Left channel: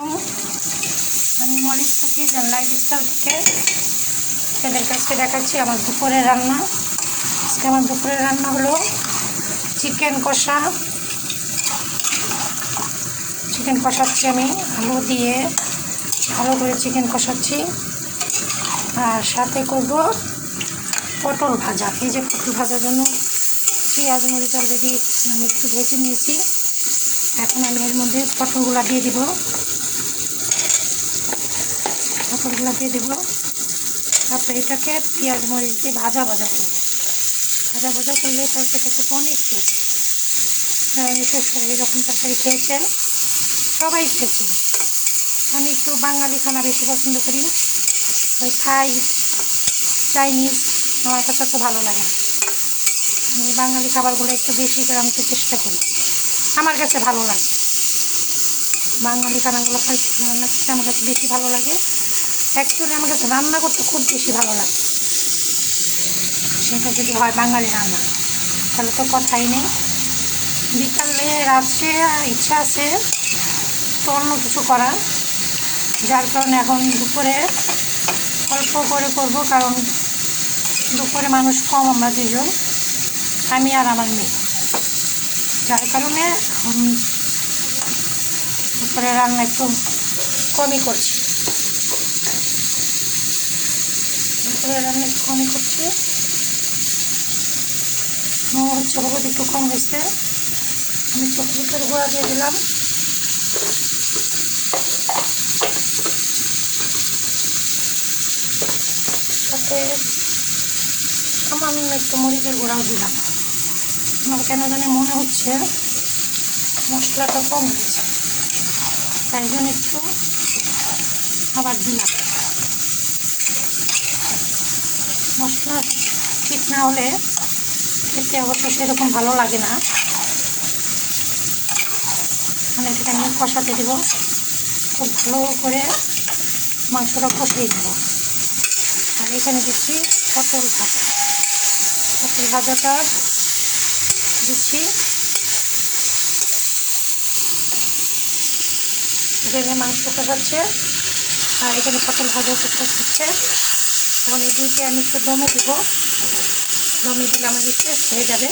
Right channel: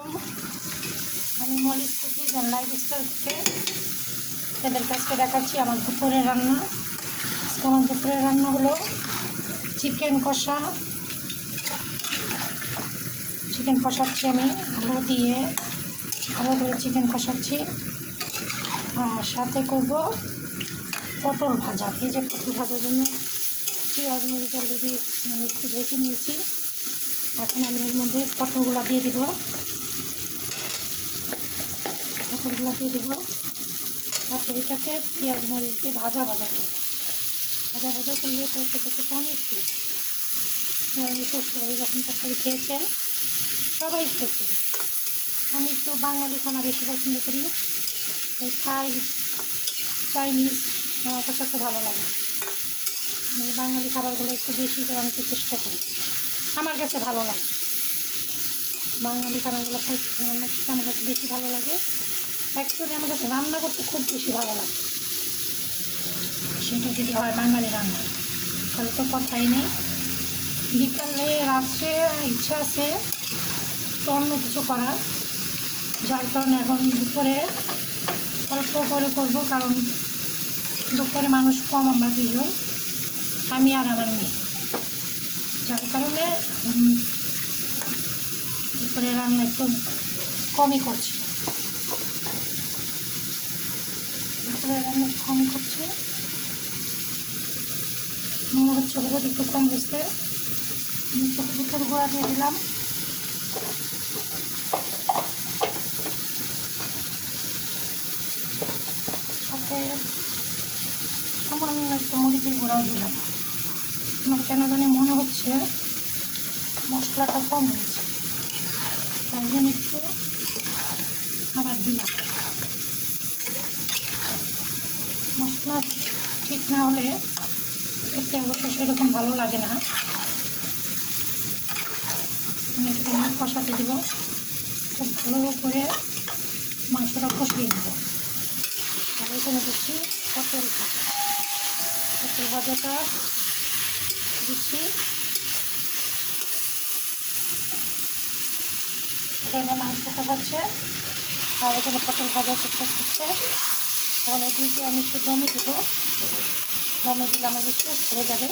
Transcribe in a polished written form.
আমি Molly's cookies and lifestyle থেকে এদের কাছে দেখাচ্ছি আমার দুপুরের রান্না। আজকে আমার দুপুরের রান্না হলো চিকেন কষাচ্ছি আমি আলু দিয়ে ভালো করে চিকেন কষাচ্ছি, আর সাথে করব পটল ভাজা। এই যে পটল ভাজার জন্য পেঁয়াজ মরিচ অলরেডি আমি একটু ভেজে নিয়েছি। এখন আমি এর মধ্যে পটলগুলো দিয়ে দেবো, তারপরে এটাকে পেঁয়াজ মরিচ দিয়ে ভাজা করবো। ভাজা করলে তরকারিটা খুব অনেক টেস্ট। এরকম তরকারি খেয়েছেন, সবাই খেয়েছে। আমি একটু বাঙালি খানা বেশি পছন্দ করি, ওই থাই চাইনিজ আমার কাছে তো ভালো লাগে না। আমি বাঙালি খাবারগুলো একটু বেশি করে আনতে চেষ্টা করি, আমার কাছে ভালো লাগে। বাঙালি খানাগুলো রান্না করতে আমার কাছে বেশি ভালো লাগে। অ্যাকচুয়ালি আমার কাছে রান্না করতে খুব বেশি ভালো লাগে, সেটা যদি হয় বাঙালি রান্না তাহলে তো কথাই নেই। বিকালে রাত্রে ইচ্ছা আছে তো অন্য কিছু করার, যার কারণে এখন দুপুরে অল্প করে করব, কারণ দুপুরে মানুষ কম, আমরা দুজন, আমি আর আমার মেয়ে, যার কারণে এখন দুপুরে রান্না একটু কমই করছি। মনে হচ্ছে হলুদ একটু কম হয়েছে, আমি চকলেটের গুঁড়া দিয়ে দিলাম। সাথে সামান্য একটু মরিচের গুঁড়াও দিলাম। আমার কেন জানি মনে হচ্ছে মশলাটা কম হয়েছে, তাই জন্য একটু আবার দিলাম। মশলা ঠিক না হলে খেতে অবশ্য সেরকম ভালো লাগে না। মানে এটাকে আমি কষাতে দেবো, খুব ভালো করে মাংসটা কষিয়ে নেব। আর এখানে দিচ্ছি পটল ভাজাটা দিচ্ছি। এখানে মাংস কষাচ্ছে আর এখানে পটল ভাজা করতে। এখন এই দুইটি আমি একটু দমে দিব, দমে দিলে আমাদের শেষ হয়ে যাবে।